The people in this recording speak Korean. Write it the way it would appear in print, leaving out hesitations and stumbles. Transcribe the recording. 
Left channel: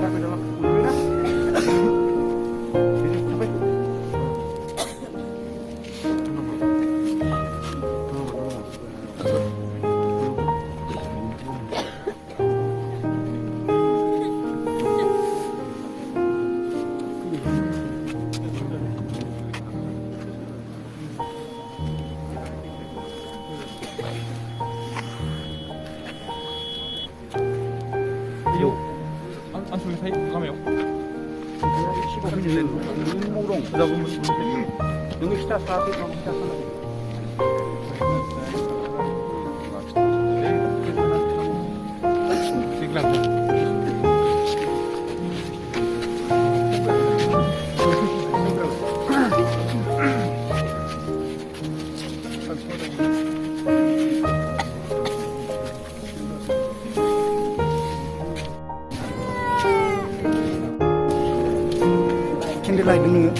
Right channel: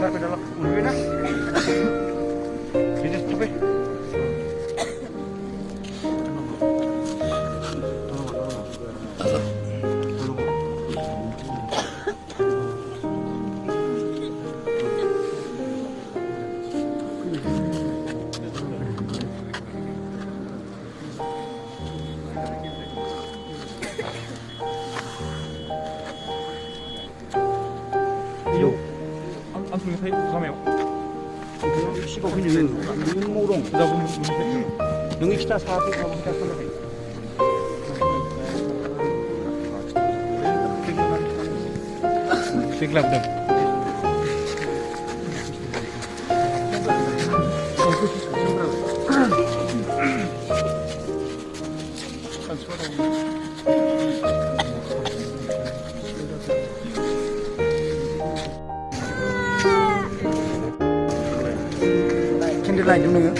kita ke dalam dulu na. Ini sampai. 요 안쪽에 사이 가면 15분이 눈모롱. 그다 보면 여기 기타 사세 가면 기타 사세. 생각나. Candlelight dulu nggak?